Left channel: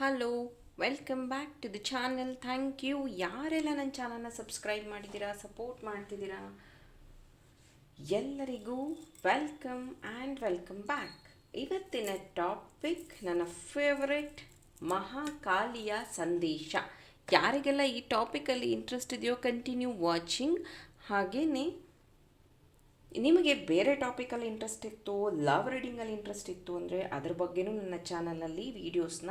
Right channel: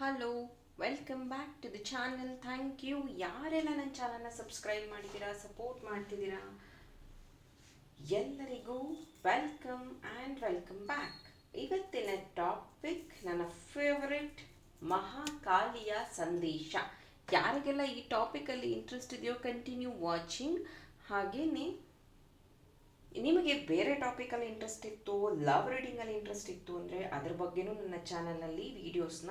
Hello, welcome back to the channel. Thank you ಯಾರೆಲ್ಲ ನನ್ನ ಚಾನಲ್ನ ಸಬ್ಸ್ಕ್ರೈಬ್ ಮಾಡಿದ್ದೀರಾ, ಸಪೋರ್ಟ್ ಮಾಡ್ತಿದ್ದೀರಾ, ಎಲ್ಲರಿಗೂ ವೆಲ್ಕಮ್ ಆ್ಯಂಡ್ ವೆಲ್ಕಮ್ ಬ್ಯಾಕ್. ಇವತ್ತಿನ ಟಾಪಿಕ್ ನನ್ನ ಫೇವರೆಟ್ ಮಹಾಕಾಲಿಯ ಸಂದೇಶ. ಯಾರಿಗೆಲ್ಲ ಈ ಟಾಪಿಕಲ್ಲಿ ಇಂಟ್ರೆಸ್ಟ್ ಇದೆಯೋ ಕಂಟಿನ್ಯೂ ವಾಚಿಂಗ್. ಹಾಗೆಯೇ ನಿಮಗೆ ಬೇರೆ ಟಾಪಿಕಲ್ಲಿ ಇಂಟ್ರೆಸ್ಟ್ ಇತ್ತು, ಲವ್ ರೀಡಿಂಗಲ್ಲಿ ಇಂಟ್ರೆಸ್ಟ್ ಇತ್ತು ಅಂದರೆ ಅದ್ರ ಬಗ್ಗೆನೂ ನನ್ನ ಚಾನಲಲ್ಲಿ ವೀಡಿಯೋಸ್ನ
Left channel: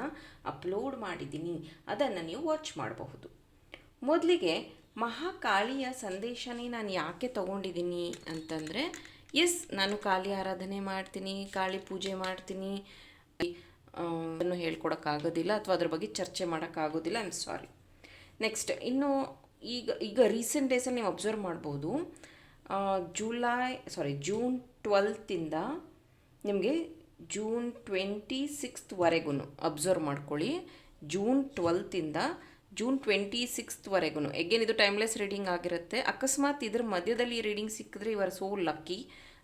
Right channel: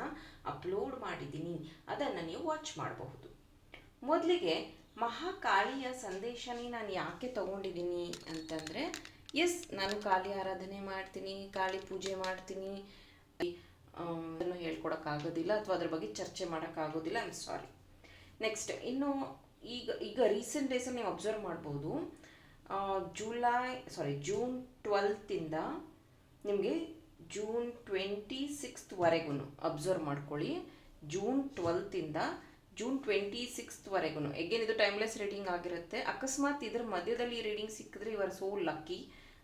ಅಪ್ಲೋಡ್ ಮಾಡಿದ್ದೀನಿ, ಅದನ್ನು ನೀವು ವಾಚ್ ಮಾಡಬಹುದು. ಮೊದಲಿಗೆ ಮಹಾಕಾಳಿಯ ಸಂದೇಶನೇ ನಾನು ಯಾಕೆ ತೊಗೊಂಡಿದ್ದೀನಿ ಅಂತಂದರೆ, ನಾನು ಕಾಳಿ ಆರಾಧನೆ ಮಾಡ್ತೀನಿ, ಕಾಳಿ ಪೂಜೆ ಮಾಡ್ತೀನಿ, ಅದನ್ನು ಹೇಳ್ಕೊಡೋಕ್ಕಾಗೋದಿಲ್ಲ ಅಥವಾ ಅದ್ರ ಬಗ್ಗೆ ಚರ್ಚೆ ಮಾಡೋಕ್ಕಾಗೋದಿಲ್ಲ. I am sorry. ನೆಕ್ಸ್ಟ್ ಇನ್ನು ಈಗ ರೀಸೆಂಟ್ ಡೇಸಲ್ಲಿ ನೀವು ಅಬ್ಸರ್ವ್ ಮಾಡ್ಬೋದು, ಜೂನ್ 12 ನಿಮಗೆ ಜೂನ್ 26ವರೆಗೂ ಅಬ್ಸರ್ವ್ ಮಾಡ್ಕೊಳ್ಳಿ. ಜೂನ್ 12 ಜೂನ್ 26ವರೆಗೂ ಎಗೇನ್ ಇದು ಟೈಮ್ಲೆಸ್ ರೀಡಿಂಗ್ ಆಗಿರುತ್ತೆ. ಅಕಸ್ಮಾತ್ ಇದ್ರ ಮಧ್ಯದಲ್ಲಿ ರೀಡಿಂಗ್ ಸಿಕ್ಕಿದ್ರೆ ಯು ಆರ್ ಸೋ ಲಕ್ಕಿ,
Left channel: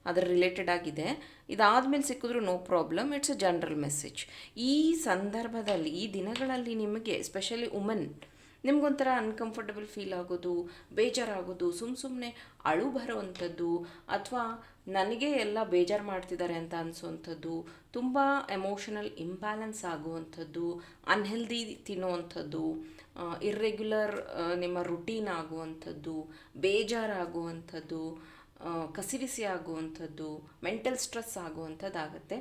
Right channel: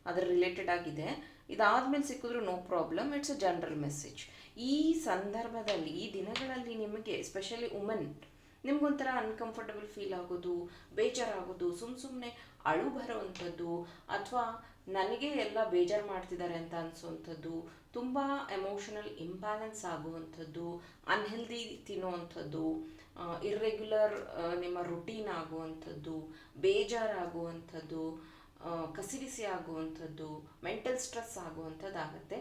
ಅದರ ರಿಲೇಟೆಡ್ ಆಗಿದೆ. ಇದಾದಮೇಲೆ ಸಿಕ್ಕಿದ್ರು no problem, it's a general message. ಈ ಸಂದರ್ಭದಲ್ಲಿ ಈ ದಿನಗಳಲ್ಲಿ ನಿಮಗೆ ಎಸ್ಪೆಷಲಿ ವುಮೆನ್ ನಿಮ್ಗೊಂಥರ ಅನ್ಕಂಫರ್ಟಬಲ್ ಫೀಲ್ ಆಗೋದು, ಬೇಜಾರಾಗೋದು, ಸುಮ್ಮನೆ ಅಳು ಬರೋವಂಥದ್ದು, ಅಥವಾ ನನಗೆ ಎಲ್ಲ ಬೇಜಾರು ಮಾಡ್ತಿದ್ದಾರೆ ಅಂತ ಅನಿಸೋವಂಥದ್ದು, ತುಂಬ ಎಮೋಷನಲ್ ಇಂಬ್ಯಾಲೆನ್ಸ್ ಆಗುವಂಥದ್ದು, ಅನ್ಹೆಲ್ದಿ ತಿನ್ನುವಂಥದ್ದು, ಇರ್ರೆಗ್ಯುಲರ್ ನಿಮ್ಮ ರುಟೀನ್ ಆಗುವಂಥದ್ದು, ಬೇಜಾರಾಗುವಂಥದ್ದು, ಕಸಿವಿಸಿ ಆಗುವಂಥದ್ದು, ಮೆಂಟಲ್ ಸ್ಟ್ರೆಸ್ ಆಗುವಂಥದ್ದಾಗತ್ತೆ.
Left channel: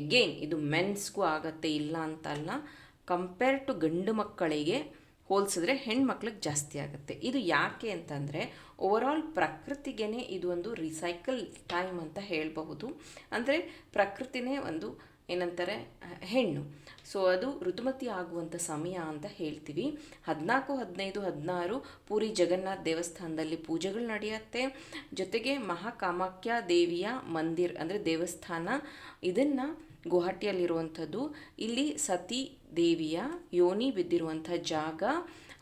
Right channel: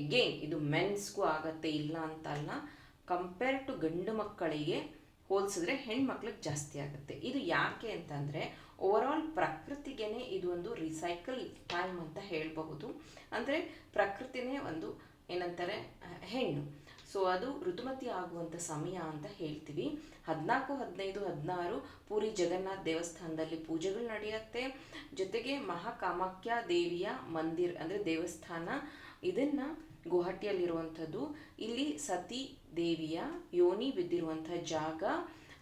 ಎಗೇನ್ ಇದು ಮೆನ್ಸ್ಗೂ ಆಗತ್ತೆ, ಇಲ್ಲ ಅಂತಲ್ಲ. ಕಂಪೇರ್ ಟು ಗಂಡು ಮಕ್ಕಳಿಗೆ ಹೋಲಿಸಿದ್ರೆ ಹೆಣ್ಮಕ್ಳಿಗೆ ಜಾಸ್ತಿ ಆಗುತ್ತೆ. ಇದು ಯಾಕೆ ಅಂತಂದರೆ ಓವರಾಲ್ ಪ್ರಕೃತಿಗೇ ಇದು ಒಂದು ರಿಸೈಕಲ್ ಟೈಮ್ ಅಂತ ಹೇಳಬಹುದು. ಅಂದರೆ ಪ್ರಕೃತಿನೇ ಒಂದು ಏನಂತಾರೆ ಹೆಣ್ಣು, ಸೊ ಅದು ಋತುಮತಿ ಆಗುವಂಥ ಸಮಯ ಅಂತ ಹೇಳ್ತೀವಿ. 14, 15, 16 ಪೂರಿ ಜಗನ್ನಾಥ ದೇವಸ್ಥಾನದಲ್ಲಿ ಪೂಜೆಗಳು ನಡೆಯುತ್ತೆ. ಜೊತೆಗೆ ಮಹಾಕಾಮಾಖ್ಯ ದೇವಿಯ ಮಂದಿರ್ ಅಂದರೆ ದೇವಸ್ಥಾನ, ಇದನ್ನು ಗುವಾಹಟಿಯಲ್ಲಿರುವಂಥದ್ದು. ಇಲ್ಲಿ ಸತಿ ದೇವಿಯ ಯೋನಿ ಬಿದ್ದಿರುವಂಥ ಜಾಗ,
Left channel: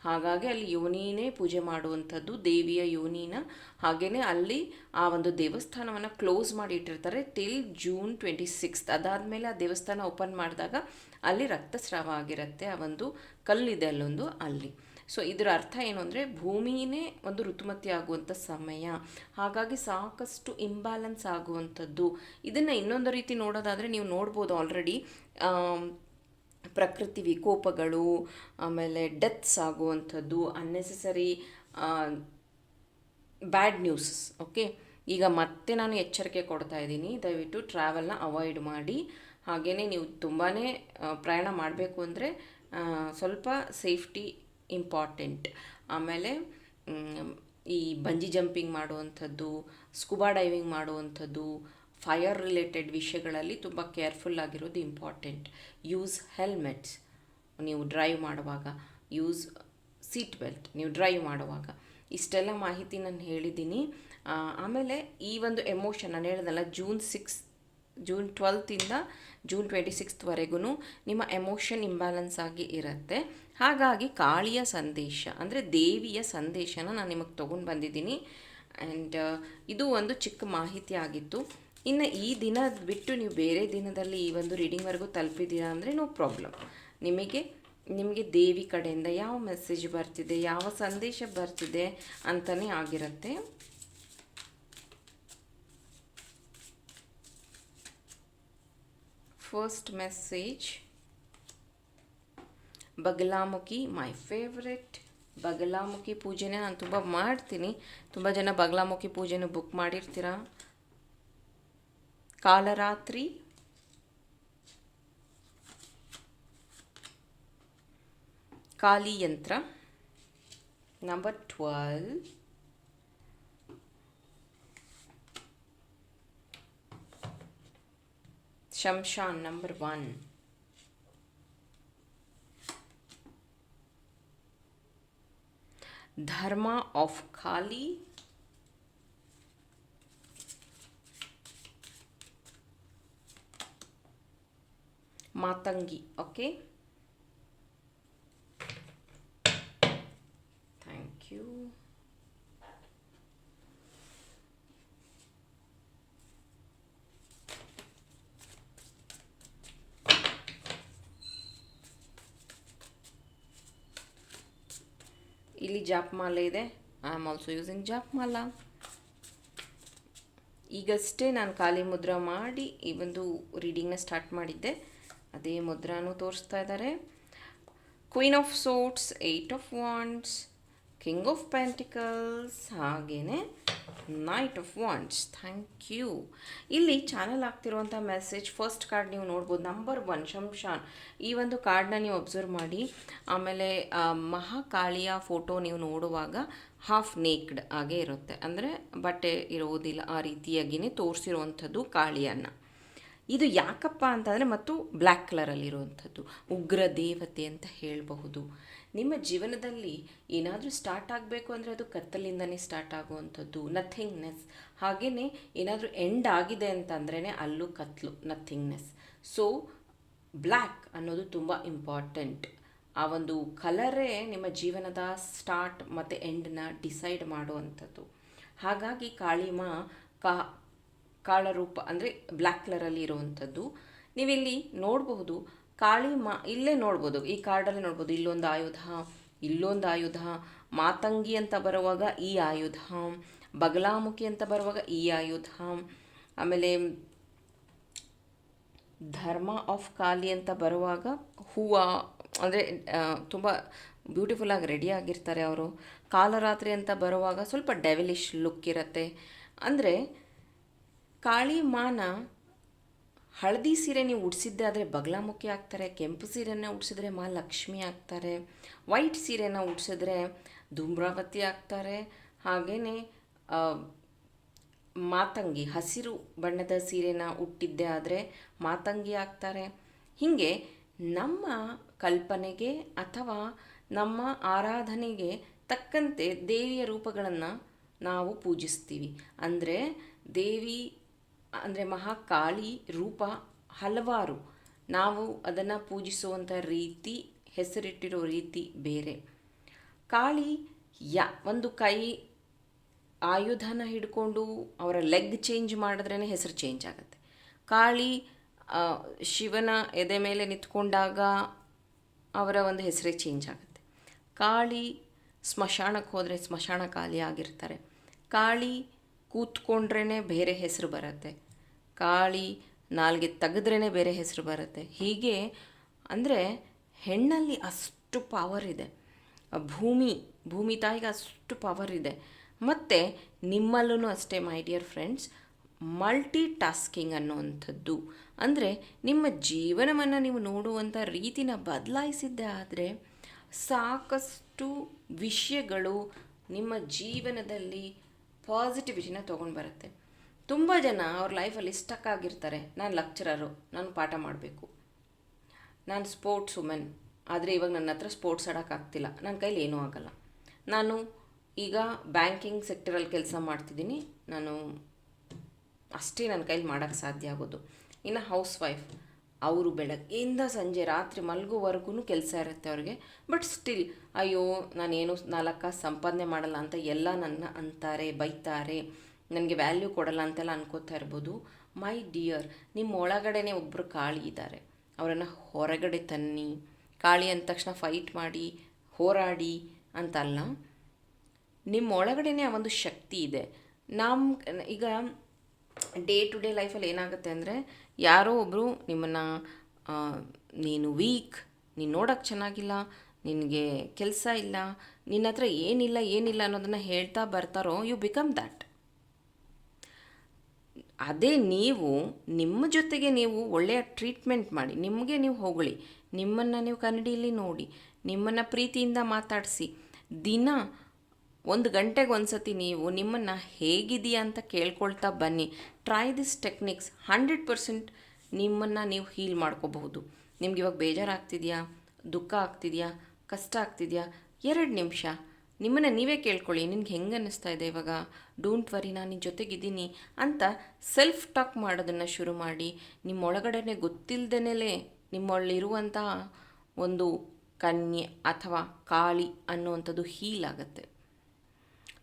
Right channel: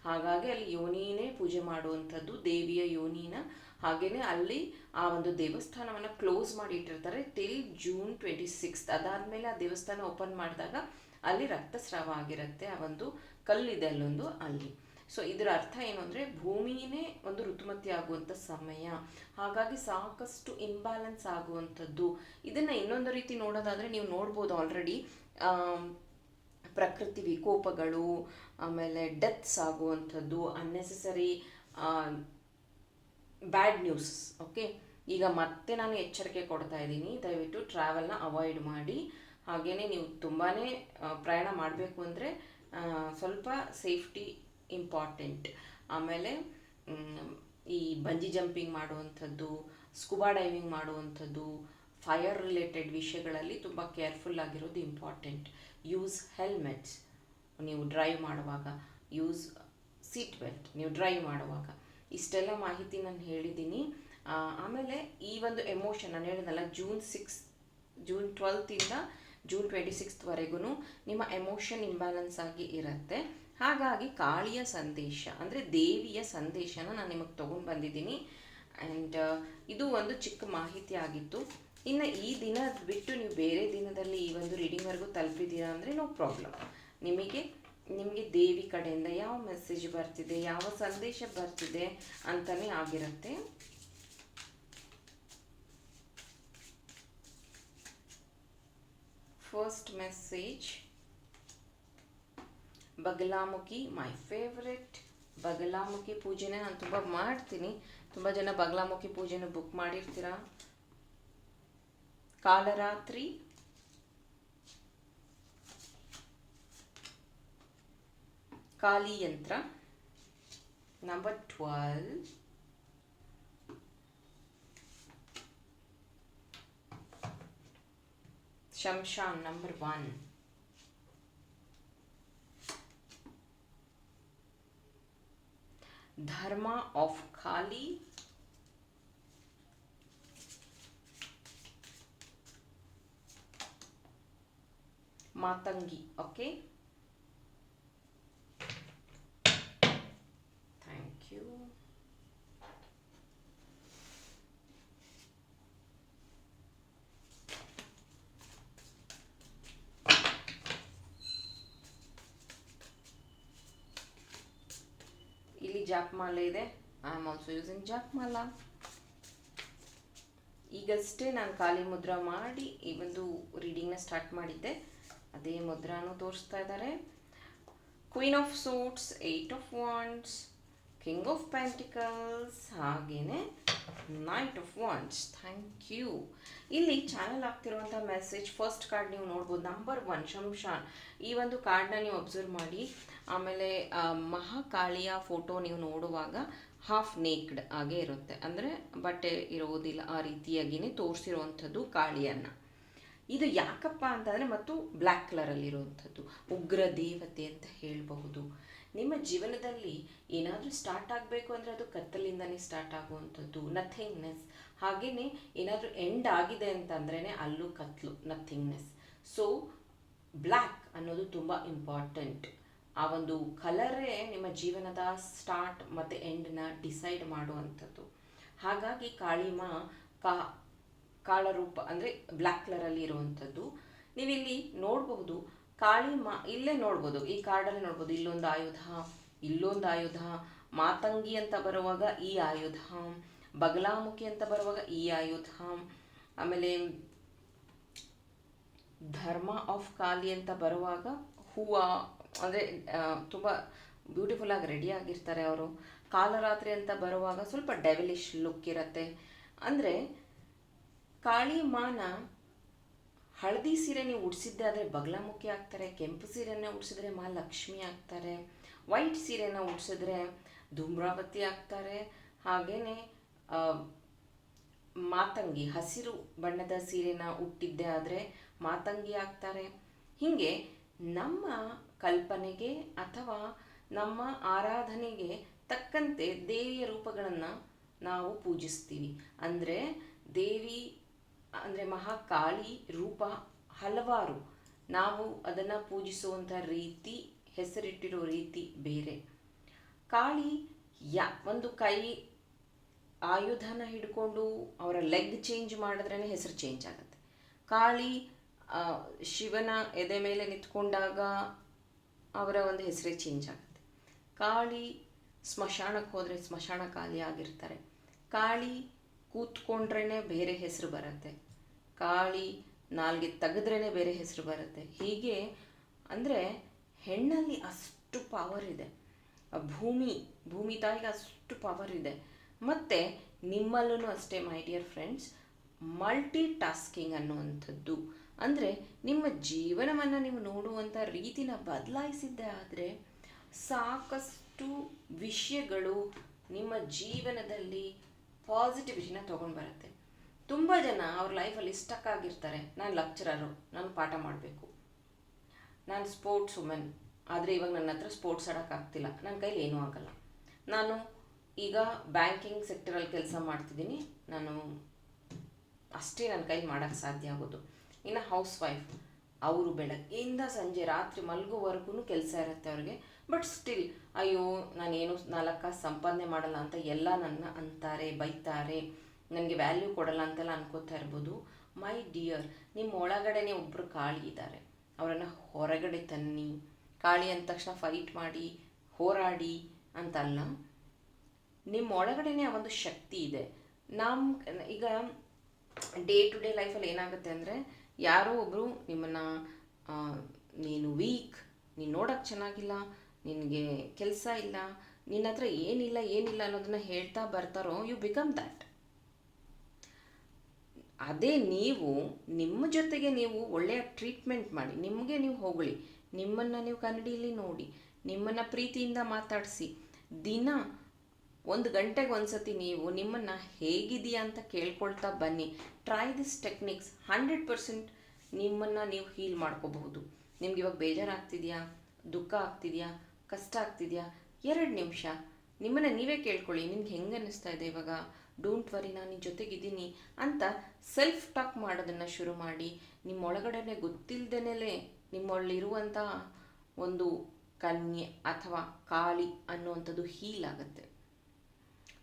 ಹಾಗಾಗಿ ಅಲ್ಲಿ ಯೋನಿನೇ ಪೂಜೆ ಮಾಡುವಂಥದ್ದು, ದೇವಿಯ ಯೋನಿನ. ಹಾಗೆಯೇ ಅಲ್ಲಿ ಆ ಒಂದು ದೇವಸ್ಥಾನವನ್ನು ಕ್ಲೋಸ್ ಮಾಡಿ ಇಟ್ಟಿರ್ತಾರೆ ಟಿಲ್ ಜೂನ್ 26. ಅದಾದಮೇಲೆ ಆ ದೇವಸ್ಥಾನ ಓಪನ್ ಮಾಡಿದಾಗ ಅಲ್ಲಿ ರಕ್ತಸ್ರಾವ ಆಗಿರುತ್ತೆ. ಆ ಒಂದು ಕಲ್ಲಿದೆ ಅಲ್ಲೊಂದು, ಅಲ್ಲಿ. ಸೊ ಇದರ ಅರ್ಥ ಏನು ಅಂದರೆ ಭೂಮಿನೇ ಒಂದು ಋತುಮತಿ ಆಗುವಂಥ ಸಮಯ, ಹಾಗಾಗಿ ಸಾಕಷ್ಟು ಇಂಬ್ಯಾಲೆನ್ಸ್ ಆಗುವಂಥದ್ದು. ಇದನ್ನು ಇನ್ನೊಂದು ರೀತಿ ನೋಡೋದಾದರೆ ನೀವು ನೋಡ್ಬೋದು ಆಲ್ರೆಡಿ ಪ್ರಕೃತಿ ವಿಕೋಪಗಳು, ಆಮೇಲೆ ಡೆತ್ಸ್ ಆಗುವಂಥದ್ದು, ಅನ್ನೆಸೆಸರಿ ಬ್ಯಾಡ್ ನ್ಯೂಸ್. ಓಕೆ, ಈಗ ಮತ್ತೆ ನಾನು ಎಚ್ಚರಿಕೆ ಕೊಡ್ತಾ ಇದ್ದೀನಿ, ದಯವಿಟ್ಟು ಟ್ರಾವೆಲ್ನ ಅವಾಯ್ಡ್ ಮಾಡಿ. ಹಾಗೆಯೇ ನೀವು ತುಂಬಾ ಪ್ರಯಾಣ ಮಾಡಬೇಕು ಅಂದರೆ ಸ್ವಲ್ಪ ಸೇಫ್ಟಿ ಇಂಪಾರ್ಟೆಂಟ್. ಆಮೇಲೆ ಈ ಬಂಜಿ ಜಂಪಿಂಗ್ ಮಾಡುವಂಥದ್ದು, ಸ್ಕೂಬಾ ಡೈವಿಂಗ್ ಮಾಡುವಂಥದ್ದು, ಫೈರ್ ರಿಲೇಟೆಡ್ ವಿಷಯಗಳಲ್ಲಿ ತುಂಬ ಕೇರ್ಫುಲ್ ಆಗಿರೋದು ಇಂಪಾರ್ಟೆಂಟ್. ಯೂಸ್ ಹೆಲ್ಮೆಟ್ಸ್ ನೀವು ಡ್ರೈವ್ ಮಾಡುವಾಗ, ಯೂಸ್ ಸೀಟ್ ಬೆಲ್ಟ್ ನೀವು ಡ್ರೈವ್ ಮಾಡುವಾಗ. ಇಷ್ಟೆಲ್ಲ ಮಾಹಿತಿ ನಾನು ಹೇಳಿದ್ದೀನಿ. ಆಮೇಲೆ ಈ ಒಂದು ಎಮೋಷನ್ ನಾನು ಹೇಳಿದಲ್ಲ, ಜೂನ್ 12 ಜೂನ್ 26ವರೆಗೂ ನಿಮ್ಮ ಎಮೋಷನ್ ಇಂಬ್ಯಾಲೆನ್ಸ್ ಆಗಿ ಇರುತ್ತೆ. ಹಾಗಾಗಿ ಕಾಳಿಯ ಸಂದೇಶ ಅಂದರೆ ದೇವಿಯ ಸಂದೇಶನ ನಾನು ನಿಮಗೆ ತೊಗೊಂಡು ಬಂದಿದ್ದೀನಿ. ಆ್ಯಂಡ್ ಇದು ಒಂದು ಚಿಕ್ಕ ಮಾಹಿತಿ ಆಗಿತ್ತು. ಇನ್ನು ಈ ದಿನ ಬಿಟ್ಟು ನೀವು ಬೇರೆ ದಿನದಲ್ಲಿ ಈ ಒಂದು ರೀಡಿಂಗ್ವರೆಗೂ ತಲುಪಿದ್ದೀರಾ ಅಂದರೆ ನೋ ಪ್ರಾಬ್ಲಮ್. ನಿಮಗೆ ದೇವಿ ಕಡೆಯಿಂದ ಯಾವ ಮೆಸೇಜ್ ಬರ್ತಿದೆ, ಯಾವ ಸಂದೇಶ ಬರ್ತಿದೆ ಅಂತಲೇ ಆಗಿರುತ್ತೆ. First message, Bagalamukhi, my favourite. Bagalamukhi ಪೂಜೆನೇ ನಾನು ತುಂಬ ಮಾಡ್ತೀನಿ. ತುಂಬ ಜನ ಬಗಲಾಮುಖಿ ಪೂಜೆನೂ ಬುಕ್ ಮಾಡಿರ್ತೀರಾ. ಕಾಲರಾತ್ರಿ, ಕಾಳಿಯಂತ್ರ, ನಂಬರ್ 12, ಶಂಶಾನ್ number 1, Dharma of Kali, Matangi. Okay, thank you. ಇಲ್ಲಿ ಜಾಪಮಾಲೆ ಇದೆ. ಐ ಆಮ್ ಆಲ್ಸೋ ಯೂಸಿಂಗ್ ಜಾಪಮಾಲ. ಈಗಷ್ಟೇ ನಾನು ಖಾಲಿ ಮುದ್ರಾ ಮಾಡಿ ಈ ಒಂದು ರೀಡಿಂಗ್ನ ಸ್ಟಾರ್ಟ್ ಮಾಡಿದ್ದೆ. ಅದೇ ಮುದ್ರಾನು ತೋರಿಸ್ತಾ ಇದ್ದಾರೆ. Queen of swords, 8 of wands, king of pentacles, ಹಾಗೆಯೇ knight of wands. Thank you. ಇಲ್ಲಿ ಚಾನಲ್ ಆಗ್ತಿರುವಂಥ ಮೆಸೇಜ್ ಫಸ್ಟ್ ಕಾರ್ಡ್ ನೀವು ನೋಡ್ಬೋದು, ನಂಬರ್ 1 ಶಂಶಾನ್. ಈ ಒಂದು ಕಾರ್ಡ್ನ ನೀವು ಅಬ್ಸರ್ವ್ ಮಾಡಿ. ಆಮೇಲೆ ಮಹಾಕಾಳಿಯ ಫೋಟೋ ನೀವು ನೋಡುವಾಗ ಹಾಫ್ ನೇಕ್ಡ್ ಆಗೇ ಇರುತ್ತೆ, ಅಂದರೆ ಬಟ್ಟೆ ಇರೋದಿಲ್ಲ, ಆ ರೀತಿಯಾಗಿಯೇ ತೋರಿಸಿರುವಂಥದ್ದು ಕಾಳಿಯನ್ನು. ಇದು ಯಾಕಪ್ಪ ಅಂತಂದರೆ ಮತ್ತು ಬ್ಲ್ಯಾಕ್ ಕಲರಲ್ಲಿರುವಂಥದ್ದು ಉಗ್ರ ದೇವತೆ ಅಂತ ಹೇಳಬಹುದು. ನಿಮ್ಮ ಜೀವನದಲ್ಲಿ ಏನಾದರೂ ಸ್ಟಾರ್ಟ್ ಆಗಬೇಕು ಅಂದರೆ ಅದು ಕತ್ತಲಿಂದನೇ ಸ್ಟಾರ್ಟ್ ಆಗುವಂಥದ್ದು, ನಥಿಂಗ್ನೆಸ್. ಹಾಗೆಯೇ ಏನಾದರೂ ಎಂಡ್ ಆಗಿದೆ ಅಂತಂದ್ರೇ ಅಲ್ಲೂ ಕತ್ಲು, ನಥಿಂಗ್ನೆಸ್. ಸೊ ಬ್ಲ್ಯಾಕ್ ಅನ್ನೋದು ತುಂಬ ಇಂಪಾರ್ಟೆಂಟ್. ಆ ಒಂದು ಕಲರೇ ನಿಮ್ಮ ಜೀವನದ ಸ್ಟಾರ್ಟ್ ಮತ್ತು ಎಂಡನ್ನ ಡಿಸೈಡ್ ಮಾಡುವಂಥದ್ದು. ಹಾಗಾಗಿ ಕಾಳಿಮಾ ಕಾಳರೂಪ ಅಂದರೆ ಬ್ಲ್ಯಾಕ್ ಕಲರಲ್ಲಿ ಇರುವಂಥದ್ದು. ನೀವಿಲ್ಲಿ ನೋಡಬಹುದು ಕಾಳಿಮಾ, ಇಲ್ಲೇ ನೋಡ್ಬೋದು, ಈ ಕಾರ್ಡಲ್ಲಿ ನೋಡ್ಬೋದು, ಇಲ್ಲೊಂದು ಆಯುಧ, ಇಲ್ಲೊಂದು ಆಯುಧ, ಮಾತಂಗಿ ಅಂತ ಬರುವಾಗ ಈ ಆಯುಧ, ಬಗಲಾಮುಖಿ ಅಂತ ಬರುವಾಗ ಈ ಆಯುಧ, ಆಮೇಲೆ ಧರ್ಮ ಆಫ್ ಕಾಲಿ ಅಂತ ಬರುವಾಗ ಹೂವು, ಅಂದರೆ ತುಂಬ ಬ್ಯೂಟಿಫುಲ್ಲಾಗಿ ರೆಡಿ ಆಗಿರ್ತಾರೆ ಅವರು. ಕಾಲರಾತ್ರಿ ಅಂತ ಬರುವಾಗ ಸ್ವಲ್ಪ ಡೆವಿಲಿಶ್ ಲುಕ್ ಇರುತ್ತೆ. ಅಂದರೆ ಕಾಳಿ ಮಾನ ಹಳದಿ ಸೀರೆ ನೀವು ಉಡಿಸಿದ್ದೆ ಆದರೆ ಬಗಲಾಮುಖಿ ಆಗ್ತಾರೆ, ಕೆಂಪು ಸೀರೆನ ಉಡಿಸಿದ್ರೆ ಮಹಾಲಕ್ಷ್ಮಿ ಆಗ್ತಾರೆ, ವೈಟ್ ಸೀರೆನ ಉಡಿಸಿದ್ರೆ ಧೂಮ್ರಾವತಿ ಆಗ್ತಾರೆ, ಹಾಗೆಯೇ ಮಾತಂಗಿ ಹಸಿರು ಬಣ್ಣದ ಸೀರೆನ ಉಟ್ಟಿದ್ದೆ ಆದರೆ ಮಾತಂಗಿ ಆಗ್ತಾರೆ. ಹೀಗೆ ನಮ್ಮ ಕಲ್ಪನೆಗೆ ಅಥವಾ ನಮ್ಮ ಆರಾಧನೆಗೆ ತಕ್ಕಂತೆ ದೇವಿಯ ರೂಪಗಳನ್ನು ನಾವು ಪೂಜಿಸ್ತೀವಿ. ಅಂದರೆ ದೇವಿ ಅಂದರೆ ಮಹಾಕಾಳಿ ರೂಪ ಹಲವಾರು, ನಾವು ಅದನ್ನು ಪೂಜಿಸುವಂಥ ರೀತಿ, ಹೆಸರಿಟ್ಟಿರೋ ರೀತಿ ಬೇರೆ. ಕಾಳಿ ಒಂದು ಕೈ ಆಯುಧನ ಹಿಡ್ಕೊಂಡು ಅವರ ಲೆಗ್ ಚೇಂಜ್ ಮಾಡಿದ್ರೇ ಹೆಸರು ಚೇಂಜ್ ಆಗುತ್ತೆ. ಕಾಳಿ ಶಿವನ ಎದೆ ಮೇಲೆ ನಿಂತ್ಕೊಂಡಾಗ ಅವರ ಒಂದು ಹೆಸರೇ ಚೇಂಜ್ ಆಗುತ್ತೆ. ಕಾಳಿ ಸ್ಮಶಾನಕ್ಕೆ ಹೋದರೆ ಸ್ಮಶಾನ ಕಾಳಿ ಆಗಿರ್ತಾರೆ. ಕಾಳಿ ಕೂತ್ಕೊಂಡ್ರೇ ಬೇರೆ ಹೆಸರು ಬರುತ್ತೆ, ಕಾಳಿ ನಾಲ್ಗೆ ತೆಗೆದ್ರೇ ಬೇರೆ ಹೆಸರು ಬರುತ್ತೆ. ಹೀಗೆ ಅಂದರೆ ಹೆಣ್ಣಲ್ಲಿ ಅಷ್ಟು ಪವರ್ ಇದೆ, ಭೂಮಿ ತಾಯಿಗೆ ಅಷ್ಟು ಪವರ್ ಇದೆ. ಮತ್ತು ನಿಮ್ಮಲ್ಲೂ ಅಷ್ಟೇ my dear friends, multi tasking ಅನ್ನುವಂಥದ್ದು. ಅಂದರೆ ನಿಮ್ಮ ಜೀವನವನ್ನು ನೀವು ನೋಡುವಂಥ ರೀತಿನ ಬದಲಾಯಿಸಿದ್ದೆ ಆದರೆ ಸಾಕಷ್ಟು ವಿಷಯಗಳು ನಿಮ್ಮ ಜೀವನದಲ್ಲಿ ಪಾಸಿಟಿವಿಟಿನ ತೊಗೊಂಡು ಬರುತ್ತೆ. ತುಂಬ ಜನ ಅವ್ರ ಲೈಫಲ್ಲಿ ಸ್ಟಕ್ ಆಗಿರ್ತಾರೆ. ನಾನು ಲೆಕ್ಚರರು, ನಾನು ಪಾಠ ಮಾಡಬೇಕು, ನಾನು ಸ್ಪೋರ್ಟ್ಸ್ ವುಮೆನ್, ಆದರೆ ಇವಾಗ ನನ್ನ ಹತ್ರ ಸ್ಪೋರ್ಟ್ಸ್ ಆಡೋಕ್ಕಾಗ್ತಿಲ್ಲ, ನನ್ನ ಕೈಲಿ ಏನೂ ಆಗಲ್ಲ. ನಾನು ಈಗ ಬ್ಯಾಂಕಿಂಗ್ ಸೆಕ್ಟರಲ್ಲಿ ಕೆಲಸ ಮಾಡ್ತಿದ್ದೀನಿ, ನಾನು ಅಷ್ಟೇ ನನ್ನ ಕೈಲಿ ಮಾಡೋಕ್ಕೆ ಸಾಧ್ಯ ಆಗೋದು. ಇನ್ನು ಹೌಸ್ ವೈಫ್, ಅವರು ಬೆಳಗ್ಗೆಯಿಂದ ಸಂಜೆ ರಾತ್ರಿ ಮಲಗುವವರೆಗೂ ಕೆಲಸ ಇರುತ್ತೆ ಅವ್ರಿಗೆ. ಬಟ್ ಸ್ಟಿಲ್ ಅಯ್ಯೋ ನಾನೇನು 4 ಕಾಸು ಸಂಪಾದನೆ ಮಾಡಲ್ಲ ಅಂತ ಎಲ್ಲ ನನ್ನ ಅಂತಾರೆ, ಬೈತಾರೆ, ನನಗೆ ವ್ಯಾಲ್ಯೂ ಕೊಡಲ್ಲ ಅಂತೆಲ್ಲ ಅನ್ಕೋತಾ ಇರ್ಬೋದು. ಮೈ ಡಿಯರ್, ನಿಮ್ಮ ಒಳಗಡೆನೇ ಒಬ್ಬರು ಕಾಳಿ ಇದ್ದಾರೆ, ಅವರನ್ನು ಹೊರಗಡೆ ತನ್ನಿ. ಕಾಳಿ ಅಂದ ತಕ್ಷಣ ಫೈಟ್ ಮಾಡಿ ಹೋರಾಡಿ ಅಂತಲ್ಲ, ನಿಮ್ಮ ಒಳಗಡೆನೇ ಆ ಒಂದು ಶಕ್ತಿ ಇದೆ. ಈಗ ಡೇ ಟು ಡೇ ಲೈಫಲ್ಲಿ ಏನಾಗುತ್ತೆ ಅಂದರೆ, ಯಾರೋ ಒಬ್ಬರು ನಿಮ್ಮನ್ನು ನೀನು ವೀಕ್, ನೀನು ನೋಡೋಕ್ಕೆ ಚೆನ್ನಾಗಿಲ್ಲ, ನಿನಗೆ ಕೆಲಸ ಇಲ್ಲ, ನಿನ್ನ ಹತ್ರ ಏನಿಲ್ಲ ಅನ್ನೋದನ್ನು ಹೇಳ್ತಾ ಬರ್ತಾರೋ, ಯು ಬಿಕಮ್ ದ್ಯಾಟ್. ಅದೇ ನೀವು ನಿಮ್ಮ ಜೊತೆಗೆ ನೀವು ಒಳ್ಳೆಯ ಟ್ರೀಟ್ಮೆಂಟ್ ಮಾಡಿ, ನಿಮಗೆ ನೀವು ಹೊಗಳಿ, ನಿಮ್ಮನ್ನು ನೀವು ಕನ್ನಡಿಯಲ್ಲಿ ನೋಡಿ, ನಿಮ್ಮನ್ನು ಪ್ರೀತಿಯಿಂದ ಮಾತಾಡಿಸಿ, ದಿನ 1 ಗಂಟೆಗೆ ಒಂದ್ಸತಿ ನೀವು ನಿಮ್ಮನ್ನು ಹೇಗಿದೆಯಾ ಅಂತ ಕೇಳ್ಕೊಳ್ತಾ ಬನ್ನಿ. ಟ್ರೈ ದಿಸ್ ಟೆಕ್ನಿಕ್ಸ್, 100% ನಿಮ್ಮನ್ನು ನೀವು ಹೀಲ್ ಮಾಡ್ಕೋಬಹುದು. ನಿಮ್ಗೆ ಇವಾಗ ಬೇಜಾರಾಗ್ತಿದೆಯಾ, ದುಃಖ ಆಗ್ತಿದೆಯಾ, ಕಷ್ಟ ಆಗ್ತಿದೆಯಾ, 2 ನಿಮಿಷ ನಿಮ್ಮನ್ನು ನೀವೇ ಕೇಳ್ಕೊಳ್ಳಿ, ನಿನ್ಗೆ ಹೆಂಗೆ ಅನ್ನಿಸ್ತಾ ಇದೆ ಇವಾಗ, ಡೋಂಟ್ ವರಿ, ನಾನು ನಿನ್ನ ಜೊತೆಗಿದ್ದೀನಿ ಅಂತ ಸೆಲ್ಫ್ ಟಾಕ್ ಮಾಡೋದನ್ನು ಶುರು ಮಾಡಿ. ನಿಮ್ಮೊಳಗಡೆ ಗೊತ್ತಿಲ್ಲದೇನೆ ನಿಮ್ಮೊಳಗಿರುವಂಥ ಒಂದು ಕನ್ಯೆ ಅಥವಾ ಕಾಳಿ ಅನ್ನುವಂಥದ್ದು ಹೀಲ್ ಆಗುತ್ತೆ.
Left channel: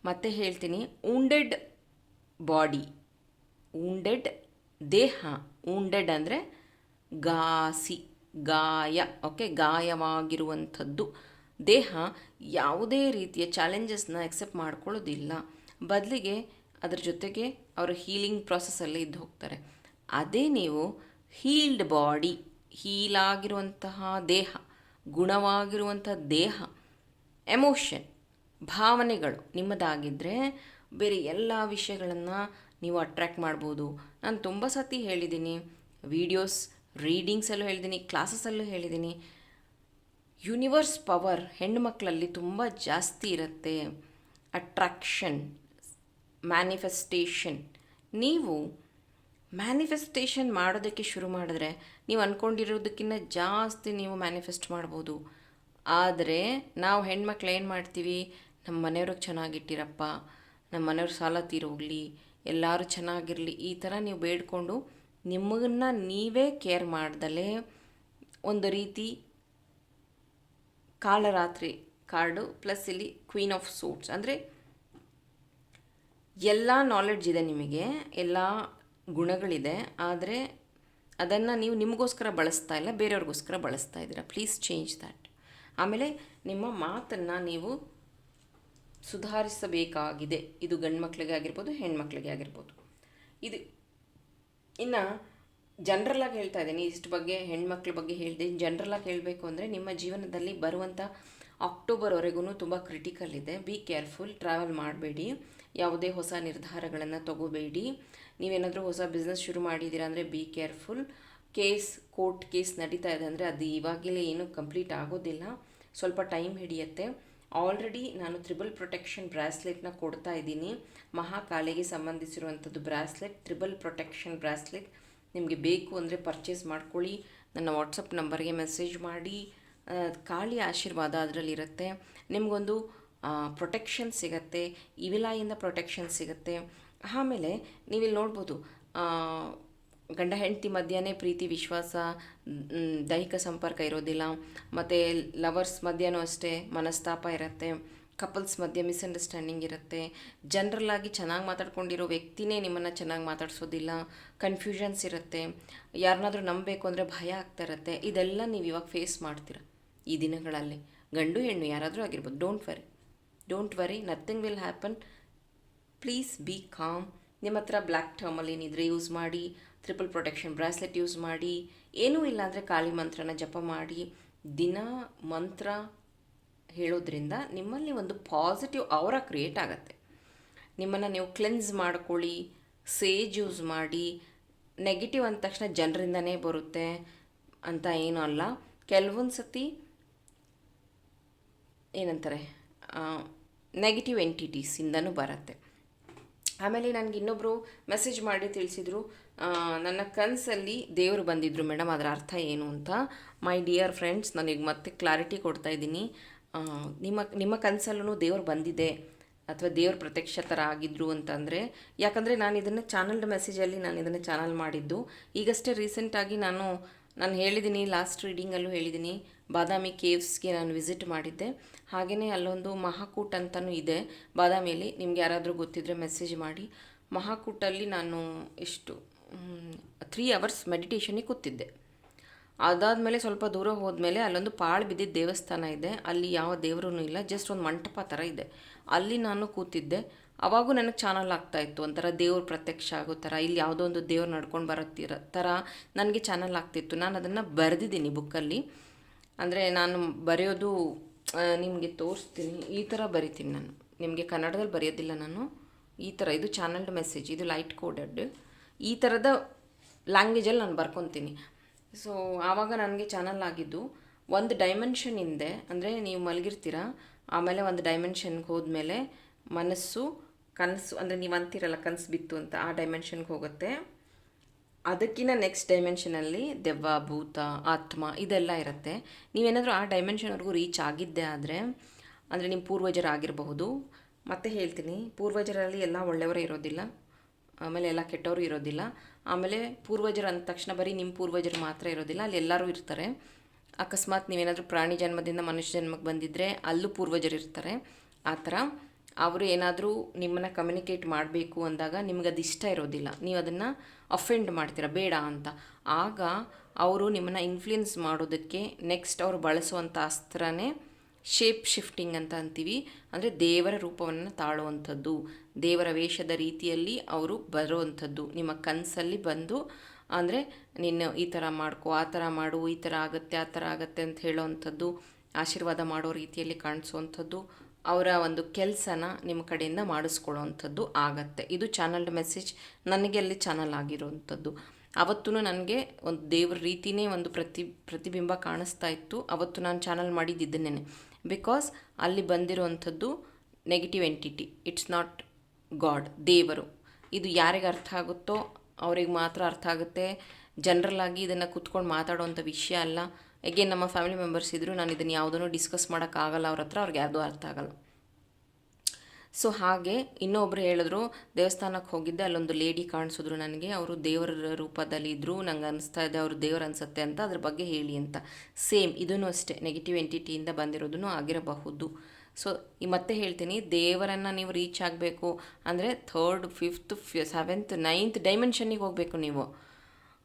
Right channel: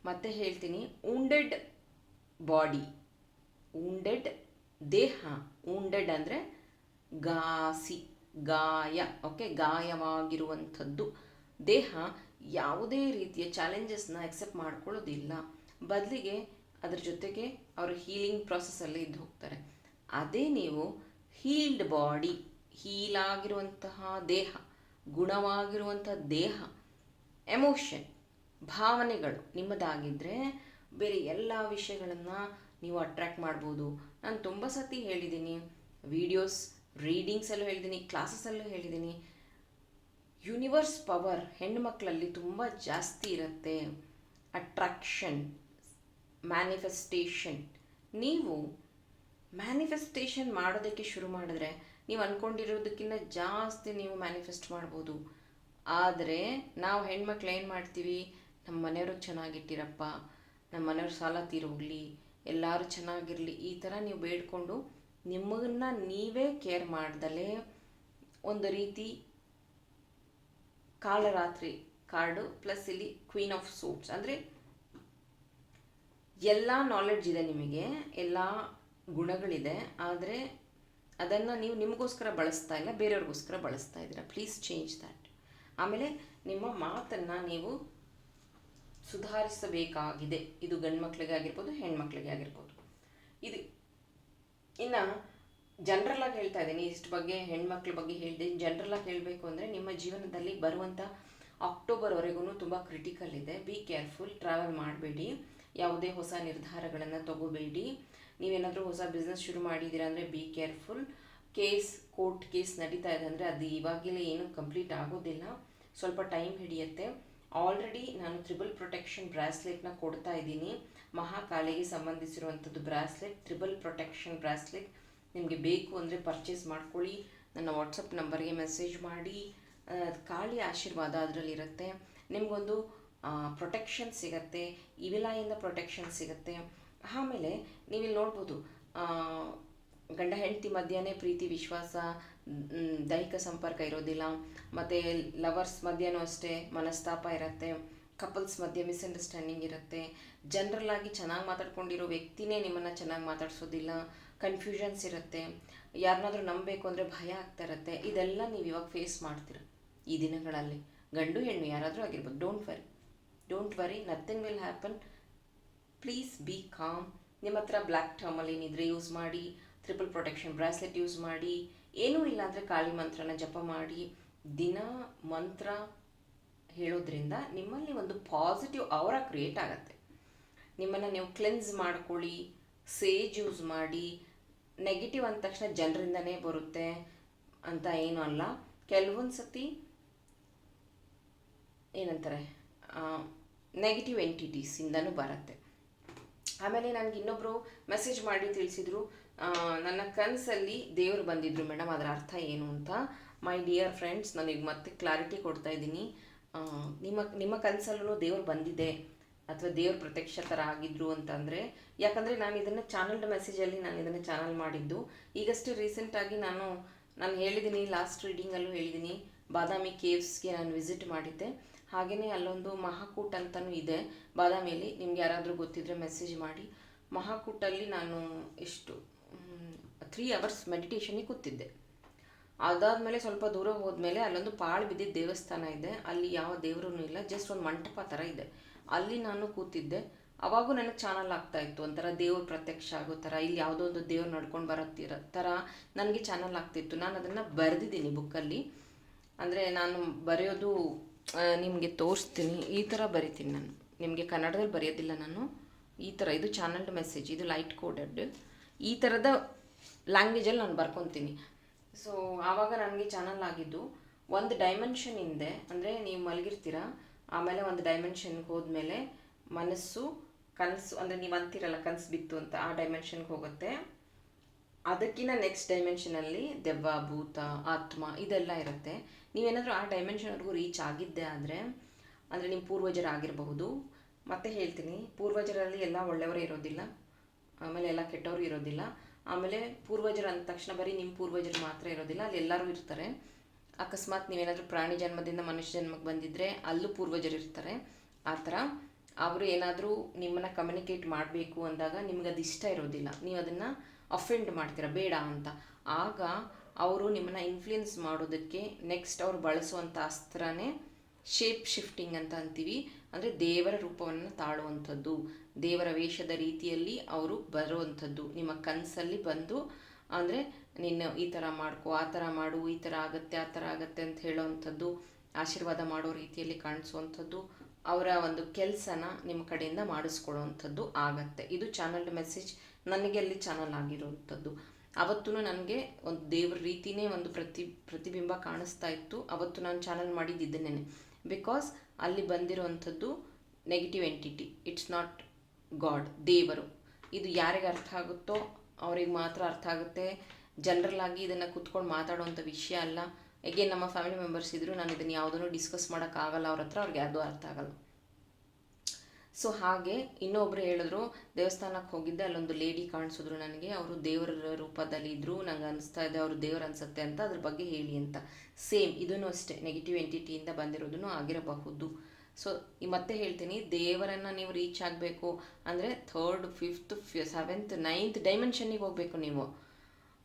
ಮತ್ತೆ ಹೇಳ್ತೀನಿ, ವುಂಡೆಡ್ ಬಾಡಿ, ವುಂಡೆಡ್ ದೇಹ, ವುಂಡೆಡ್ ಅಂದರೆ ಗಾಯ, ಓಕೆ, ಗಾಯವಾಗಿರುವಂಥದ್ದು ದೇಹ ಯಾವುದೇ ರೀತಿಯ ಚಾಲೆಂಜಸ್ನ ಎಕ್ಸೆಪ್ಟ್ ಮಾಡ್ಕೊಳ್ಳೋದಿಲ್ಲ. ಬದಲಿಗೆ ಅದ್ರ ಜೊತೆಗೆ ಅವರು ಹೀಲಿಂಗ್ ಪ್ರಾಸೆಸ್ಸಲ್ಲಿ ಇದ್ದು ಹೋಗ್ತಾರೆ. ಅದೇ ನೀವು ಹೀಲ್ಡ್ ಬಾಡಿ, ಹೀಲಾಗಿರುವಂತಹ ದೇಹ, ಗುಣವಾಗಿರುವಂಥ ದೇಹ, ಎಮೋಷನ್, ಭಾವನೆಗಳು ನಿಮ್ಮದಾಗಿದ್ದರೆ ಬೇರೆ ಎಲ್ಲ ವಿಷಯಗಳನ್ನು ನೀವು ಅಟ್ರ್ಯಾಕ್ಟ್ ಮಾಡ್ಬೋದು. ನಾನು ತುಂಬ ಸತಿ ಹೇಳಿದ್ದೀನಿ, ವೀಡಿಯೋಸ್, ರೀಡಿಂಗ್ಸಲ್ಲೂ ಹೇಳಿದ್ದೀನಿ, ಕ್ಲಾಸಸ್ಸಲ್ಲೂ ಹೇಳಿದ್ದೀನಿ. ಯೂನಿವರ್ಸ್ ಪವರ್ ಹೆಣ್ಣು ಮಕ್ಕಳಲ್ಲಿ ತುಂಬ ಜಾಸ್ತಿ ಇರುತ್ತೆ. Attraction, manifestation. ನೀವು ಮ್ಯಾನಿಫೆಸ್ಟೇಷನ್ ಮಾಡೋದಕ್ಕೆ ಶುರು ಮಾಡಿದ್ರೆ ನೀವು ಅಂದ್ಕೊಂಡಿರೋದಕ್ಕಿಂತ ಜಾಸ್ತಿ ನೀವು ಮ್ಯಾನಿಫೆಸ್ಟ್ ಮಾಡ್ಬೋದು. ಆದರೆ ನಾವು ಹೆಣ್ಮಕ್ಳು ಏನು ಮಾಡ್ತೀವಿ, ನಮ್ಮ ಮನೆಯವ್ರಿಗೆ ಚೆನ್ನಾಗಿಟ್ಟಿರಪ್ಪ, ನಮ್ಮ ಮನೆಯವ್ರ ಸಾಲ ತೀರೋಗಲಿ, ಎಲ್ಲರೂ ಚೆನ್ನಾಗಿರಲಿ, ಈ ಥರ ನೀವು ಬೇಡ್ಕೊಂಡು ನಿಮ್ಮನ್ನು ನೀವೇ ಕೇರ್ ಮಾಡ್ದಲೇ ಒಂದು ರೀತಿ ಕಾಲರಾತ್ರಿ ಕಾರ್ಡು ಪ್ಲಸ್ ಇಲ್ಲಿ ಕ್ವೀನ್ ಆಫ್ ಸೂಟ್ಸ್, ಅಂದರೆ ಎಲ್ಲ ನಾಲೆಡ್ಜ್ ಇದೆ ನಿಮಗೆ, ಎಲ್ಲ ಗುಣಗಳಿದೆ, ಆದರೆ ಅದನ್ನು ನೀವು ನಿಮಗೋಸ್ಕರ ಬಳಸ್ತಾ ಇಲ್ಲ, ಬೇರೆಯವ್ರಿಗೋಸ್ಕರ ಬಳಸ್ತಾ ಇದ್ದೀರಾ. Please change that. ಆಮೇಲೆ ನಿಮ್ಮ ಮಾತನ್ನು ನೀವು ಸುಧಾರಿಸಬೇಕಾಗಿದೆ. ಇದು ಗಂಡು ಮಕ್ಕಳಿಗೆ ಆಗಿರ್ಬೋದು, ಹೆಣ್ಮಕ್ಳಿಗೆ ಆಗಿರ್ಬೋದು. ಇದು ಇನ್ನು ಜನರಲಾಗಿ ಹೇಳ್ತಾ ಇದ್ದೀನಿ, ಇಷ್ಟು ಬಗ್ಗೆ ಹೆಣ್ಮಕ್ಳ ಬಗ್ಗೆ ಹೇಳಿದೆ. ಜನರಲಾಗಿ ಹೇಳಬೇಕು ಅಂದರೆ ನಿಮ್ಮ ಜೀವನದಲ್ಲಿ ಬರುವಂಥ ಅಕ್ಟೋಬರ್ವರೆಗೂ ತುಂಬ ಕ್ರಿಟಿಕಲ್ ಇದೆ. Be careful. ಟ್ರಾವೆಲ್ ಮಾಡಬೇಡಿ, ಯಾವುದೇ ಹೊಸ ನಿರ್ಧಾರಗಳನ್ನು ತಗೋಬೇಡಿ. ನೀವೇನಾದರೂ ಹೊಸ ಬಿಸ್ನೆಸ್ ಶುರು ಮಾಡಿದ್ದೀರಾ ಅಂದರೆ ಬಿ ಕೇರ್ಫುಲ್. ಕೋರ್ಟ್ ಕೇಸ್ ನಡೀತಾ ಇದೆ ಅಂದರೆ ಅದು ಇವಾಗಲೇ ಏನೂ ಕಂಪ್ಲೀಟ್ ಆಗೋದಿಲ್ಲ, ಸ್ವಲ್ಪ ಟೈಮ್ ಹಿಡಿಯುತ್ತೆ. ಆಲ್ರೆಡಿ ನಾನು ತ್ರಿಬಲ್ ಪ್ರೊಟೆಕ್ಷನ್ ಬ್ರಾಸ್ಲೆಟ್ನ ಕೊಡ್ತಾ ಇದ್ದೀನಿ. ಮಹಾಕಾಳಿಗೆ ಸಂಬಂಧಿಸಿರುವಂಥದ್ದು ಬ್ರಾಸ್ಲೆಟ್, ತ್ರಿಬಲ್ ಪ್ರೊಟೆಕ್ಷನ್ ಬ್ರಾಸ್ಲೆಟ್. ನಿಮಗೆ ಬೇಕು ಅಂದರೆ ಪರ್ಚೇಸ್ ಮಾಡ್ಕೊಳ್ಳಿ. ನನ್ನ ವಾಟ್ಸಪ್ ನಂಬರ್ಗೆ ಮೆಸೇಜ್ ಮಾಡಿ. ಕಾಳಿ ಆಶೀರ್ವಾದ ಅದರಲ್ಲಿರುತ್ತೆ. ನಿಮಗೊಂದು ಪ್ರೊಟೆಕ್ಷನ್ ಸಿಗುತ್ತೆ, ಇವಿಲಾಯಿಂದ ಪ್ರೊಟೆಕ್ಷನ್ ಸಿಗುತ್ತೆ. ಆಮೇಲೆ ನೀವಿಲ್ಲಿ ನೋಡ್ಬೋದು, ಗಂಡ ಹೆಂಡತಿ ಮಧ್ಯನೇ ಪ್ರೀತಿ, ವಿಶ್ವಾಸ, ದೈಹಿಕ ಸಂಪರ್ಕ ಇರೋದಿಲ್ಲ. ಮತ್ತು ಲವರ್ಸ್ ಮಧ್ಯನೂ ಅಷ್ಟೇ ಮನಸ್ತಾಪ ಇರುತ್ತೆ. ಕಪಲ್ಸ್ ಮಧ್ಯೆ ಮಿಸ್ಅಂಡರ್ಸ್ಟ್ಯಾಂಡಿಂಗ್ ಇರುತ್ತೆ. ಜನರಲ್ಲಾಗಿ ಚೆನ್ನಾಗಿ ಮಾತಾಡ್ಕೊಂಡಿರೋ ವ್ಯಕ್ತಿನೇ ನಿಮ್ಮನ್ನು ಚೆನ್ನಾಗಿ ಮಾತಾಡ್ಸೋದಿಲ್ಲ. ಕನ್ಫ್ಯೂಷನ್ಸ್ ಇರುತ್ತೆ. ಯಾರನ್ನಾದ್ರೂ ನಂಬಬೇಕು ಅಂದರೆ ಭಯ ಆಗ್ತಾ ಇರುತ್ತೆ. ಇದೆಲ್ಲ ನೀವು ಇವಾಗ ಫೇಸ್ ಮಾಡ್ತೀರ ಈ ದಿನಗಳಲ್ಲಿ. ಗಂಡು ಹೆಣ್ಣು ಯಾರಾದರೂ ಆಗಿರ್ಬೋದು. Don't worry, nothing will happen. Please be com. ನಿಮ್ಮ ಹತ್ರ ಬ್ಲ್ಯಾಕ್ ಟರ್ಮಲ್ ಏನಿದ್ರೆ ಯೂಸ್ ಮಾಡಿ, ಟ್ರಿಪಲ್ ಪ್ರೊಟೆಕ್ಷನ್ ಬ್ರಾಸ್ಲೆಟ್ ಯೂಸ್ ಮಾಡಿ. ಏನೂ ಇಲ್ಲ ಅಂದರೆ ಕಾಳಿ ಮಂತ್ರನ ಜಪ ಮಾಡಿ. ದಿನ ಮಂತ್ರ ಹೇಳೋದ್ರಿಂದ ನಿಮ್ಮಲ್ಲಿ ಒಂದು ಪಾಸಿಟಿವ್ ಔರಾ ಕ್ರಿಯೇಟ್ ಆಗುತ್ತೆ. ನಿಮ್ಮನ್ನು ನೀವು ಕ್ಲೆನ್ಸ್ ಮಾಡ್ಕೊಳ್ಳಿ, ಸೇಜ್ ಯೂಸ್ ಮಾಡಿ. ನೆಗೆಟಿವ್ ಅಂದ ತಕ್ಷಣ ಜನರಿಂದನೇ ಬರುತ್ತೆ ಅಂತ ಏನೂ ಅಲ್ಲ. ಕೆಲವೊಂದು ಸತಿ ಏನಂತಾರೆ, ನೆಗೆಟಿವ್ ಎಂಟಿಟೀಸಿಂದನೂ ಬರುತ್ತೆ. ಆಮೇಲೆ ನನಗೆ ಇನ್ನೊಬ್ಬರು ಮೆಸೇಜ್ ಮಾಡಿ ತಿಳಿಸಿದರು, ನನ್ನ ಕನಸಲ್ಲಿ ದೇವರು ಬಂದಿದ್ದರು ಮೇಡಮ್, ಅದರ ಅರ್ಥ ಏನು ಅಂತ. ಮೈ ಡಿಯರ್ ಫ್ರೆಂಡ್ಸ್, ನನಗೆ ಮತ್ತೆ ಕ್ಲಾರಿಟಿ ಕೊಡ್ತಾ ಇದ್ದೀನಿ. ನಿಮ್ಮ ಕನಸಲ್ಲೂ ದೇವರು ಬಂದಿದೆ ಅಥವಾ ದೇವ್ರ ಪ್ರತ್ಯಕ್ಷ ಥರ ಆಗಿದ್ರು ಅಂತಂದರೆ, ಯಾಕಂದರೆ ನಾನು ಇದನ್ನು ಚಾನಲ್ಡ್ ಮೆಸೇಜಲ್ಲಿ ನಾನು ಇದನ್ನು ಚಾನಲ್ ಮಾಡಿದ್ದು. ಈಗಷ್ಟೇ ರೀಸೆಂಟಾಗಿ ನಾನು ಹೇಳಿದ್ದೀನಿ, ಲಾಸ್ಟ್ ರೀಡಿಂಗಲ್ಲೂ ಹೇಳಿದ್ದೀನಿ, ಬಾದಾಮಿ ಕೇವ್ಸ್ಗೆ ನಾನು ವಿಸಿಟ್ ಮಾಡಿದ್ದೆ. ಹಾಗೆಯೇ ಅಲ್ಲೊಂದು ಮಹಾಕೂಟ್ ಅಂತಲೂ ಇದೆ ಬಾದಾಮಿಯಲ್ಲಿ. ನಿಮ್ಗೆ ಯಾರಾದರೂ ಗೊತ್ತಿದ್ದರೆ ಮೆಸೇಜ್ ಮಾಡಿ. ಮಹಾಕೂಟಲ್ಲಿ ನಾನು 3 hours ಮೆಡಿಟೇಷನಿಗೆ ಕೂತಿದ್ದೆ. ಅದಾದಮೇಲೆ ಸ್ವಲ್ಪ ದೂರ ಹೋದ್ಮೇಲೆ ಅಲ್ಲೊಂದು ಪಾಳು ಬಿದ್ದಿದ್ದ ದೇವಸ್ಥಾನ ಇದೆ. ಅಲ್ಲಿ ಯಾವ ದೇವರೂ ಇಲ್ಲ, ಜಸ್ಟ್ ಒಂದು ಮಂಟಪ ಥರ ಇದೆ. ಅಲ್ಲಿ ನಾನು ಕೂತಿದ್ದೆ. ಅವಾಗೂ ನನಗೆ ಚಾನಲ್ ಆಗ್ತಾಯಿತ್ತು, ಒಂಥರ ದೇವ್ರ ಪ್ರತ್ಯಕ್ಷ ಆಗೋ ಥರ. ಇಲ್ಲಿ ಯಾವುದೋ ಒಂದು ದೇವ್ರು ನಡ್ಕೊಂಡು ಬರೋ ಥರ ನನಗೆ ಚಾನಲ್ ಆಗ್ತಿತ್ತು. ನಾನು ಅದನ್ನು ಬರೆದಿದ್ದೀನಿ ಬುಕ್ಕಲ್ಲಿ. ಅಂದರೆ ನಾನು ಬರೆಯೋದು ನಿಮಗೆ ತೋರಿಸ್ತೀನಿ. ಈ ಥರ ಬರಿತೀನಿ ನಾನು, ನಿಮಗೆ ಕನ್ನಡದಲ್ಲಿ ಬರೆಯೋದಿಲ್ಲ ನಾನು. ಈ ಥರ ಇದು ಚಾನಲ್ಡ್ ಮೆಸೇಜ್, ಇದು ಲೈಟ್ ಕೋಡೆಡ್. ಈ ಥರದ ಲ್ಯಾಂಗ್ವೇಜಲ್ಲಿ ನಾನು ಬರ್ಕೊತೀನಿ. ಸೊ ಆವಾಗ ನನಗೆ ಚಾನಲ್ ಆಗಿದ್ದು ಒಂದು ಡೈಮೆನ್ಷನ್ ಹಿಂದೆ, ಅಂದರೆ ನೀವು ಮಲಗಿರ್ತೀರ, ಆಮೇಲೆ ಒಂದು ಡೈಮೆನ್ಷನ್ಗೆ ಹೋದ್ಮೇಲೆ ಮನಸ್ಸು, ಕನಸು, ಅಂದರೆ ನೀವು ಅಂತೀರಲ್ಲ ಕನಸು ಬಿತ್ತು ಅಂತ, ಆ ಡೈಮೆನ್ಷನ್ಗೆ ಹೋಗುತ್ತೆ. ಅದಕ್ಕಿಂತ ನೆಕ್ಸ್ಟ್ ಡೈಮೆನ್ಷನಲ್ಲಿ ದೆವ್ವ, ಭೂತ, ಆತ್ಮ ಇದೆಲ್ಲ ಇರುತ್ತೆ. ನೀವೇನಾದರೂ ಆ ಡೈಮೆನ್ಷನ್ವರೆಗೂ ರೀಚ್ ಆಗಿದ್ದೆ ಆದರೆ, ಅಂದರೆ ನಿಮ್ಮ ಪೂರ್ವಜರಾಗಿರಬಹುದು. ಮತ್ತೆ ಹೇಳ್ತೀನಿ, ಪೂರ್ವಜರಲ್ಲಿ ಎಲ್ಲ ಒಳ್ಳೆಯವರೇ ಇರೋದಿಲ್ಲ, ಆಮೇಲೆ ಎಲ್ಲ ಕೆಟ್ಟವರು ಇರೋದಿಲ್ಲ. ಆಮೇಲೆ ಪೂರ್ವಜರು ಅಂದ ತಕ್ಷಣ ಬರೀ ನಿಮ್ಮ ಪೂರ್ವಜರು ಮಾತ್ರ ಇರೋದಿಲ್ಲ, ಅಲ್ಲಿ ಎಲ್ಲರೂ ಇರ್ತಾರೆ. ಅಕಸ್ಮಾತ್ ನೀವೇನಾದರೂ ಪ್ರಾಣಿ ಜನ್ಮದಿಂದ ಮನುಷ್ಯ ಜನ್ಮಕ್ಕೆ ಬಂದಿದ್ದರೆ ಅಲ್ಲೂ ಪೂರ್ವಜರು ಇರ್ತಾರೆ. ಆ ಥರ ಅವರು ಏನಾದರೂ ನಿಮ್ಮನ್ನು ಕಮ್ಯುನಿಕೇಟ್ ಮಾಡಬೇಕು ಅಂದಾಗ ನಿಮ್ಗೆ ಅದು ಇಷ್ಟ ಇರೋದಿಲ್ಲ, ನೀವು ಅದನ್ನು ಅಫೆಂಡ್ ಮಾಡ್ತೀರ ಬೇಡ ಅಂತ. ಆಗ ಅವರು ನಿಮ್ಮನ್ನು ಇನ್ಫ್ಲುಯೆನ್ಸ್ ಮಾಡೋದಕ್ಕೆ ನೆಕ್ಸ್ಟ್ ಅವರು ಬಳಸುವಂಥ ಅಸ್ತ್ರನೇ ಶೇಪ್ ಶಿಫ್ಟಿಂಗ್ ಅಂತ ಅಂತೀವಿ. ಅಂದರೆ ದೇವರ ರೂಪವನ್ನು ತಾಳುವಂಥದ್ದು, ದೇವರ ವೇಷದ ರೀತಿಯಲ್ಲಿ ಅವರು ಬರುವಂಥದ್ದು. ನಿಮ್ಮ ಕನಸಲ್ಲಿ ಬಂದು ಅಂದರೆ ನಿನ್ನ ಈ ಥರ ಮಾಡ್ಕೊ, ಆ ಥರ ಮಾಡು, ಈ ಥರ ಆಗುತ್ತೆ, ಆ ಥರ ಆಗುತ್ತೆ ಅಂತ ಹೇಳೋವಂಥದ್ದು, ಆಶೀರ್ವಾದ ಮಾಡೋ ರೀತಿಯಲ್ಲಿ ಕಾಣಿಸುವಂಥದ್ದು, ಅವರ ಒಂದು ಕೆಲಸನ ನಿಮ್ಮ ಕಡೆಯಿಂದ ಮಾಡಿಸ್ಕೊಳ್ಳೋವಂಥದ್ದು ಆಗತ್ತೆ. ಇದು ಚಾನಲ್ಡ್ ಮೆಸೇಜ್ ನನಗೆ ಅಲ್ಲಿ ಚಾನಲ್ ಆಗಿರುವಂಥದ್ದು. ಅವತ್ತೂ ನನಗೆ ಒಂದು ದೇವ್ರ ರೀತಿಯೇ ಒಂದು ಪ್ರತಿಬಿಂಬ ಕಾಣಿಸ್ತಾ ಇತ್ತು. ಅವತ್ತು ನಾನು ಚಾನಲ್ ಮಾಡಿದ್ದಿದ್ದೇನೆ. ಬಿಕಾಸ್ ಅಲ್ಲಿ ಬಂದಿರುವಂಥದ್ದು negative entity, it's not god, ದೇವರು. ಇದು ಯಾರಿಗೆ ಅರ್ಥ ಆಗುತ್ತೋ ಅವ್ರಿಗೆ ಮಾತ್ರ ಅರ್ಥ ಆಗುತ್ತೆ. ಜನರಲ್ ಆಗಿ ಇದನ್ನು ಕೂತ್ಕೊಂಡು ಮಾತಾಡುವಂಥ ವಿಷಯ ಅಲ್ಲ. ಎಗೇನ್ ನಮ್ಮ ಫ್ಯಾಮಿಲಿ ಮೆಂಬರ್ಸ್ ಇದ್ದರು, ನಾನು ಇದನ್ನು ಯಾವುದನ್ನು ಡಿಸ್ಕಸ್ ಮಾಡೋಕ್ಕಾಗಲ್ಲ ಅವ್ರ ಹತ್ರ, ಅವ್ರಿಗೆ ಯಾವುದೂ ಅರ್ಥ ಆಗಲ್ಲ. ಸೊ ಹಾಗೆ ಇನ್ನೊಬ್ಬರು ಹೇಳಿದ್ರು, ದೇವಸ್ಥಾನಕ್ಕೆ ಹೋಗಿದ್ದೆ, ಅಲ್ಲೊಂದು ಲೇಡಿ ಕಾಣಿಸಿದ್ರು ನನಗೆ, ಅವರು ದೇವರ ರೂಪದಲ್ಲಿ ಇದ್ದರು, ನಂಗೆ ಅನಿಸ್ತಾ ಇದೆ ಅವರು ದೇವರು ಅನಿಸುತ್ತೆ ಅಂತ, ಅದ್ರ ಬಗ್ಗೆ ಹೇಳಿ ಅಂತ. ಸೇಮ್ ಇದೂ ಅಷ್ಟೇ ನೆಗೆಟಿವ್ ಎಂಟಿಟಿಯಿಂದ ಬಂದಿರೋದೂ ಆಗಿರಬಹುದು. ಸೊ ಮತ್ತೆ ಹೇಳ್ತೀನಿ, ದೇವರನ್ನು ನೀವು ರೀಚ್ ಆಗಬೇಕು ಅಂದರೆ 3rd 5th 7th 9th ಡೈಮೆನ್ಷನ್ನಿಗೆ ಹೋಗಬೇಕು ನೀವು.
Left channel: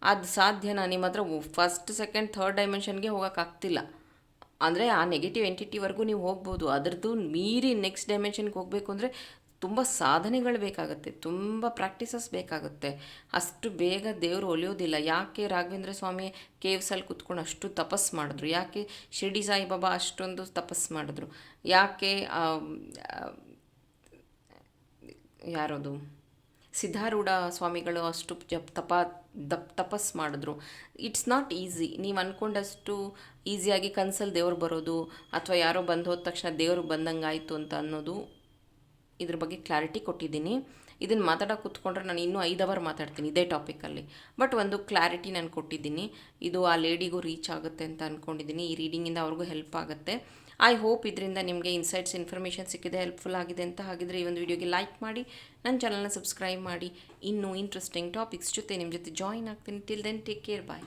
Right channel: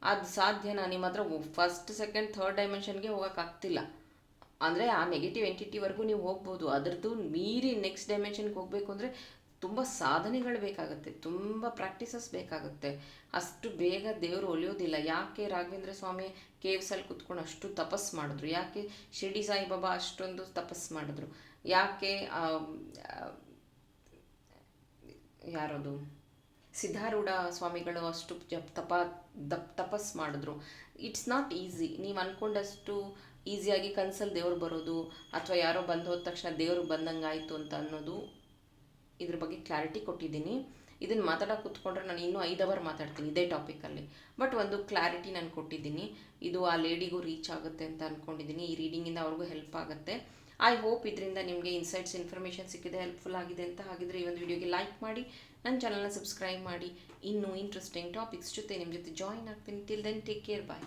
ಅದು ಸಾಧ್ಯನಾ? ನಿಮ್ಮ ಹತ್ರ 1st 2nd 3rd ಡೈಮೆನ್ಷನ್ಗೆ ಹೋಗೋಕ್ಕಾಗ್ತಿಲ್ಲ. ಅಂದರೆ ಆ ನೆಗೆಟಿವ್ ಎಂಟಿಟಿವರೆಗೂ ನೀವು ಹೋಗ್ಬೋದು. ಅದರದ್ದು ಮೀರಿ ನೆಕ್ಸ್ಟ್ ಡೈಮೆನ್ಷನ್ಗೆ ಹೋಗಬೇಕು ಅಂದರೆ ತುಂಬ ಸಾಧನೆಗಳು ಬೇಕಾಗುತ್ತೆ, ತುಂಬ ಪ್ರಾಕ್ಟೀಸಸ್ ಬೇಕಾಗುತ್ತೆ. ಅಷ್ಟು ಬೇಗ ದೇವರು ಒಲಿಯೋದಿಲ್ಲ. ಯಾಕೆ ರಾಘವೇಂದ್ರ ಸ್ವಾಮಿ ಕೇವ್ಸಲ್ಲಿ ಕೂತ್ಕೊಂಡು ಅಷ್ಟು ತಪಸ್ಸು ಮಾಡಿದ್ರು? ಯಾಕೆ ಶಿರ್ಡಿ ಸಾಯಿಬಾಬಾ ಅಷ್ಟೊಂದು ತಪಸ್ಸು ಮಾಡಿದ್ರು? ಯಾಕೆ ಯಾರದು ಸಿದ್ಧಾರೂಢ ಸ್ವಾಮಿಗಳು ಅಷ್ಟು ತಪಸ್ಸು ಮಾಡಿದ್ರು? It's not easy. ನೀವು ಅಂದ್ಕೊಂಡಷ್ಟು ಈಸಿಯಾಗಿ ಕನ್ಸಲ್ಲಿ ದೇವ್ರು ಬರೋದು ಅಥವಾ ಯಾರೋ ಬಂದು ಹೋದ ತಕ್ಷಣ ದೇವರು ಬಂದಂಗೆ ಆಯಿತು ಅಂತ ಅನ್ನೋದು, ಇದ್ರ ಬಗ್ಗೆ ಕ್ಲಾರಿಟಿ ಕೊಟ್ಟಿದ್ದೀನಿ. ಇದನ್ನು ಮಾತಾಡೋಕೆ ಕೂತ್ಕೊಂಡ್ರೆ ನಾನು ಇನ್ನೂ 5 ಅವರ್ ಮಾತಾಡ್ತೀನಿ ಇದೇ ಟಾಪಿಕಲ್ಲಿ. ಬಟ್ ಒಂದು ಕ್ಲಾರಿಟಿ ನಾನು ಕೊಟ್ಟಿದ್ದೀನಿ. ಇದು ಆ ಲೇಡಿಗೂ ರೀಚ್ ಆಗುತ್ತೆ ಅಂತ ಅಂದ್ಕೊಂಡಿದ್ದೀನಿ. ಈ ರೀಡಿಂಗಿಂದ ಅವ್ರಿಗೂ ಹೆಲ್ಪ್ ಆಗುತ್ತೆ. ಐ ಹೋಪ್ ಇದರಿಂದ ನಿಮಗೆ ಇನ್ಸೈಟ್ಸ್ ಇನ್ಫಾರ್ಮೇಷನ್ ಸಿಕ್ಕಿದೆ, ಹೆಲ್ಪ್ಫುಲ್ ಆಗಿದೆ ಅಂತ. ಹಾಗಿದ್ರೆ ಈ ಒಂದು ವಿಡಿಯೋಗೆ ಲೈಕ್ ಮಾಡಿ, ನನ್ನ ಚಾನಲ್ನ ಸಬ್ಸ್ಕ್ರೈಬ್ ಮಾಡಿ. ಇನ್ನೂ ಇಂಟ್ರೆಸ್ಟಿಂಗ್ ಟಾಪಿಕ್ಸ್ ಜೊತೆ ನಿಮ್ಮ ಜೊತೆ ಜಾಯಿನ್ ಆಗ್ತೀನಿ. ಟಿಲ್ ದೆನ್ ಟೇಕ್ ಕೇರ್, ಬಾಯ್.